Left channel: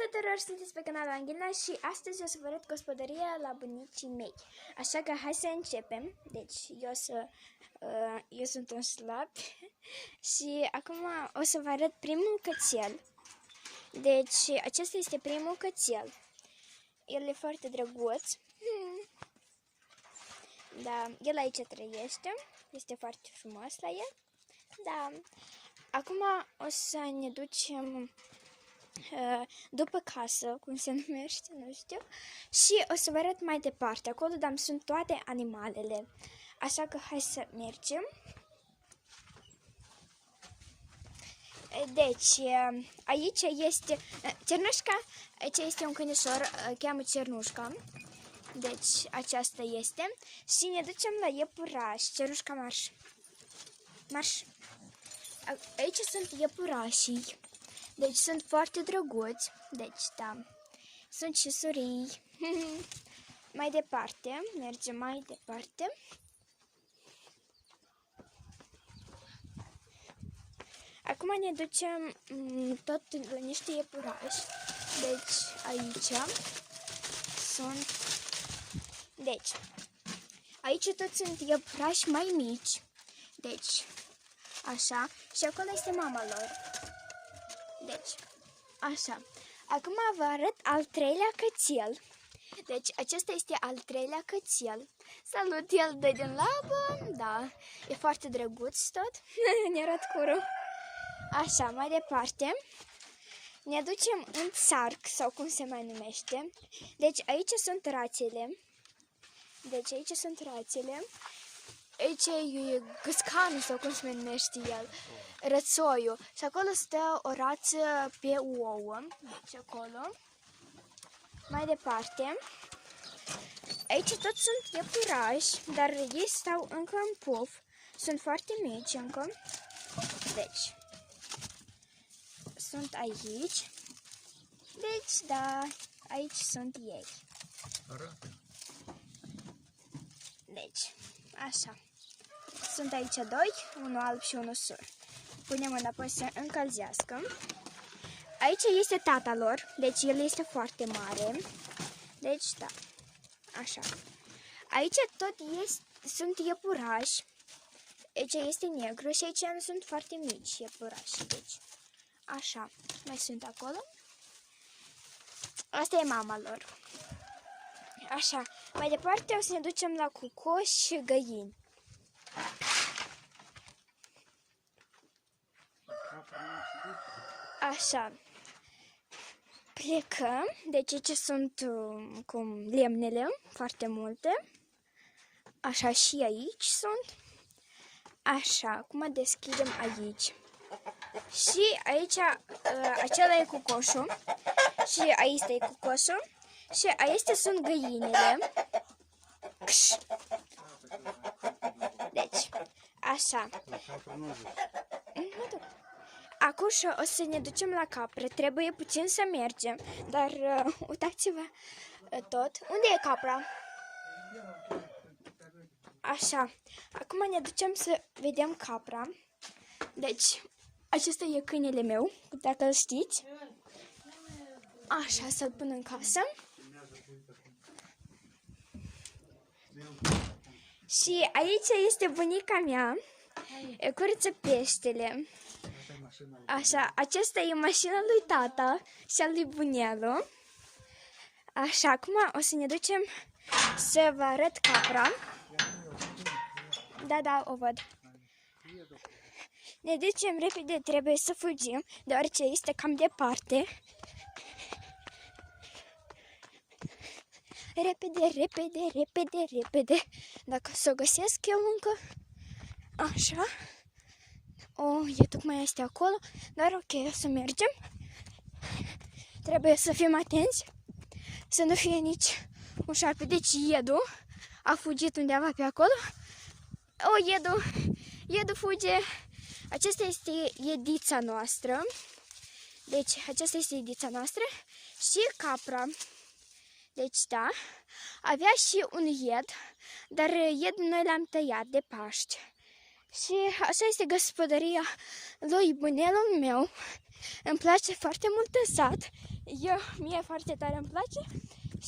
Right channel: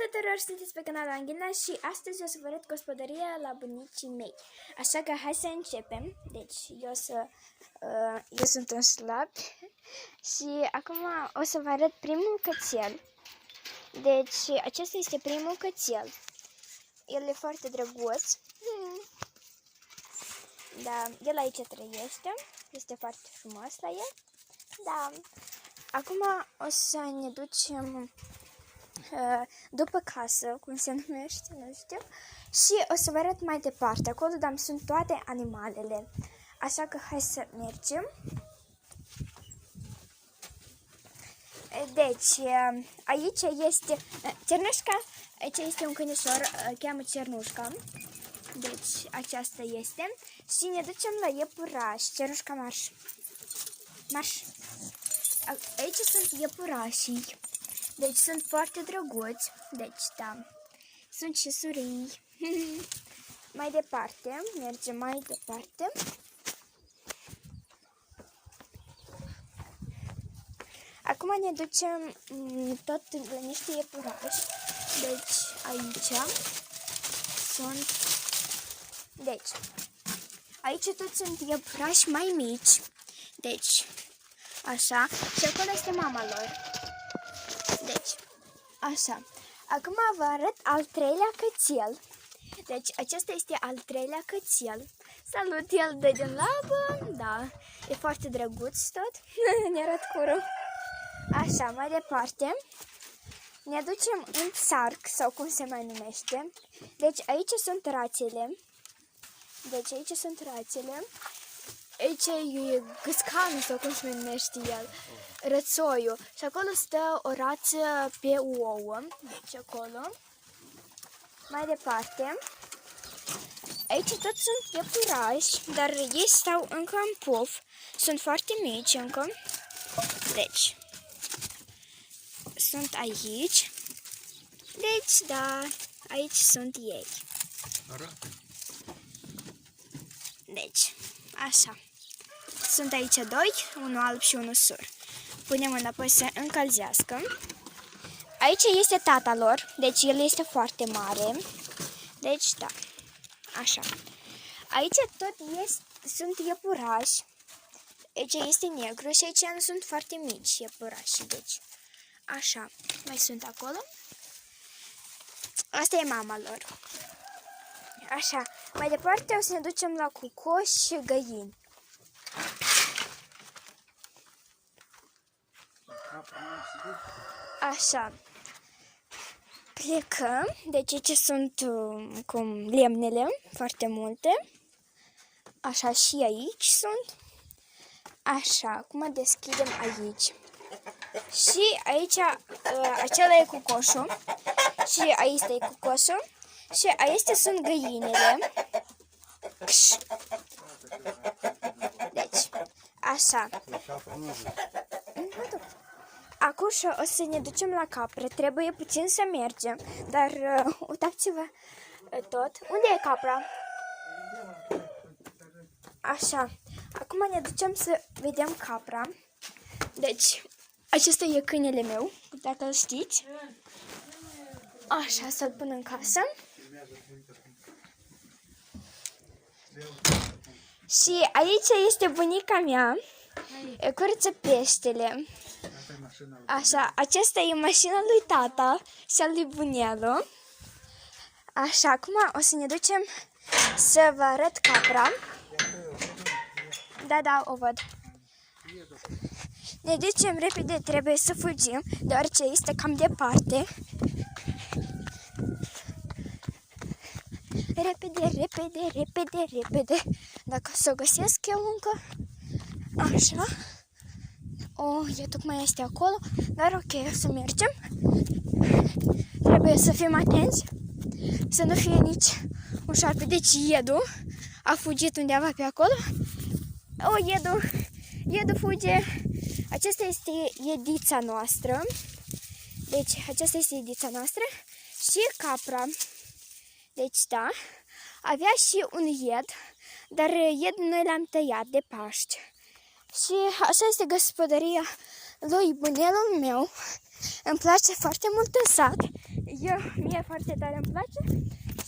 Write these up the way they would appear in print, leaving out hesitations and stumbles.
tuturor, sunteți pe canalul Anghina și astăzi o să vă arăt gospodăria la bunicii mei. Așa că hai să începem. Deci eu sunt un slab și acum o să vă arăt primul cățel. Deci acesta este primul cățel. El e foarte drăguț. Da, el aici trăiește. Este foarte frumos la el. Da. Acum o să ne ducem după casă, cum se numește, nu știu. Și o să vă arăt mai departe. Acolo sunt toate animalele. Așa că hai să mergem. Deci, aici este Cernușca. Aici este un câinișor, cheamă Cernușca. Deci, aceasta este. Și ne ducem la iepuraș. Cernușca, marș. Marș. Aici sunt iepurașii. Deci sunt foarte drăguți. Deci, da. Sunt și surii. Mai departe. Mergem mai departe. Acum ne ducem tot la niște iepurași. Deci, aici sunt... Deci, aici tot sunt iepurași mai mici. Deci, așa. Și acolo este mama lor. Deci, așa. Acum vă arăt al treilea cățel. Deci, acesta este al treilea cățel. Salut, el dă din labă. Da, e foarte drăguț tot. Ne arăt curul. Așa, mai departe. Ne ducem în țarc, sau cum se mai numește. Deci, aici sunt rațele. Deci, aici sunt rațele. Aici e gâscanul, sau cum se numește el. Rățoiul. Și acolo stă o rață pe ouă. Deci acolo. Mai departe. Aici tot sunt iepurași, dar ei stau încă în puf. Sunt foarte mici încă. Deci. Sunt aici. Deci, da. Aici sunt ei. Deci, așa. Sunt aici doi, unul alb și unul sur. Punem înapoi să încălzească. Aici este tata lor, deci el este foarte mare. Deci, da, așa. Aici tot sunt iepurași. Aici este negru și aici nu sunt foarte mici iepurași. Deci, așa, mai sunt acolo. Asta e mama lor. Așa, mai departe o să ne ducem la cucoși și găini. Așa. Plecăm. Deci aici sunt cum lemnele, foarte multe. Așa, și aici sunt. Așa, acum deschidem aici. Și aici acela e cucoșul. Și aici e cucoșul. Și aici sunt găinile. Deci, așa. Acum o să ne ducem la capră. Trebuie puțin să mergem. Dar uitați-vă tot. Unde e capra? Așa. Acum ne ducem să vedem capra. Deci, acesta e câinele meu, dacă îl știți. Așa, să-l pun în casă. Și aici este bunica mea. Curăță peștele. Așa, aceasta e mașina lui tata și al lui bunelu. Așa, acum o să ne ducem să vă arăt capra. Da, o văd. Ne ducem repede, trebuie să fugim, deoarece este cam departe. Repede. Dacă să o găsesc eu încă. Așa. E tocmai este acolo, dar ok, o să mergem. Trebuie să fim atenți, să nu fie nici un șarpe. Deci Edu a fugit undeva pe acolo. Edu fuge. Aceasta este edița noastră. Deci, aceasta este edița noastră. Și capra. Deci, da. Avea și un ied, dar iedul noi l-am tăiat de Paști. Și așa este gospodăria lui bunelul meu. Îmi place foarte mult în sat. Mie foarte tare îmi place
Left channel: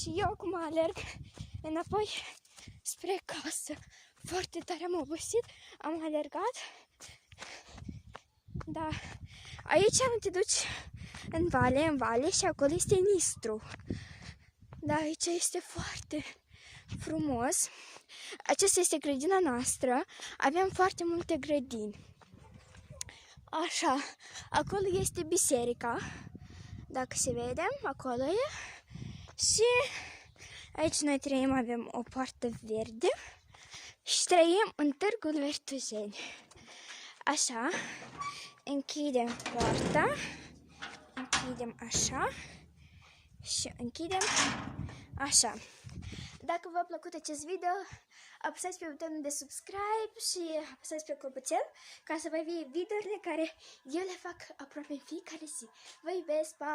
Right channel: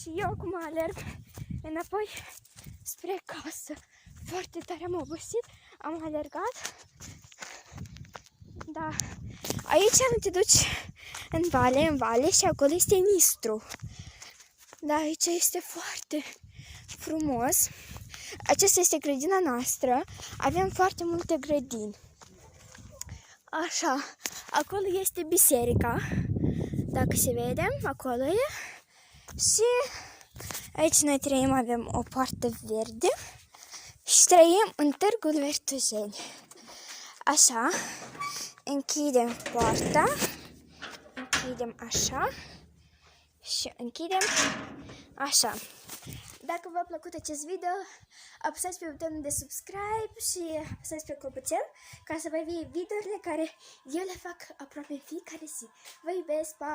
și eu acum alerg înapoi spre casă. Foarte tare am obosit, am alergat. Da, aici nu te duci în vale și acolo este Nistru. Da, aici este foarte frumos. Aceasta este grădina noastră. Avem foarte multe grădini. Așa, acolo este biserica. Dacă se vede, acolo e. Și aici noi trăim, avem o poartă verde. Și trăim în Târgul Vertujeni. Așa, închidem poarta. Închidem așa. Și închidem așa. Dacă v-a plăcut acest video, apăsați pe butonul de subscribe și apăsați pe clopoțel ca să vă fie videourile care eu le fac aproape fiecare zi. Vă iubesc, pa!